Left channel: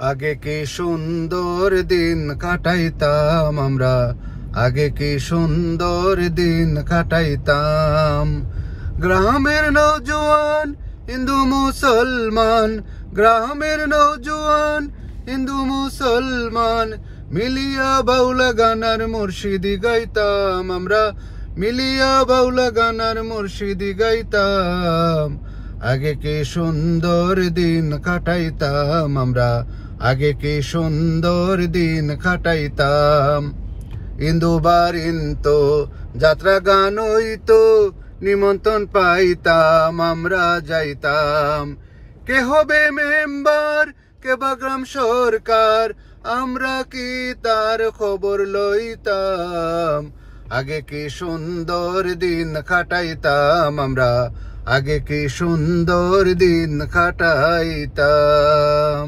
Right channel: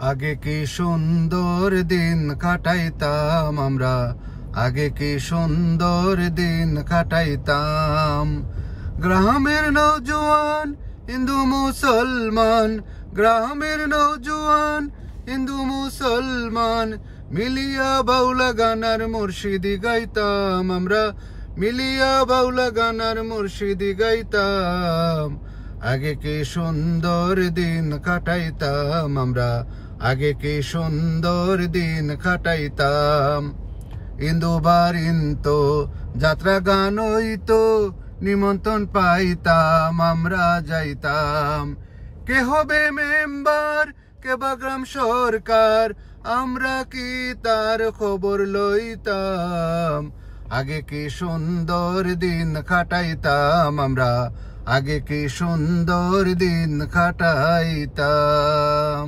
আগে কি সুন্দর দিন কাটাইতাম আমরা, আগে কি সুন্দর দিন কাটাইতাম। গ্রামের নওজোয়ান হিন্দু মুসলমান, গ্রামের নওজোয়ান হিন্দু মুসলমান, মিলিয়া বাউলা গানার মুর্শিদি গাইতাম আমরা, মিলিয়া বাউলা গানার মুর্শিদি গাইতাম। আগে কি সুন্দর দিন কাটাইতাম আমরা, আগে কি সুন্দর দিন কাটাইতাম। ইন্দুবার ইনতো যাত্রা গান হইতো, নিমন্ত্রণ পাইতাম আমরা যাইতাম। কে হবে মেম্বার, কে বা গ্রাম সরকার, আমরা কি তার খবর লইতাম। আগে কি সুন্দর দিন কাটাইতাম আমরা, আগে কি সুন্দর দিন কাটাইতাম।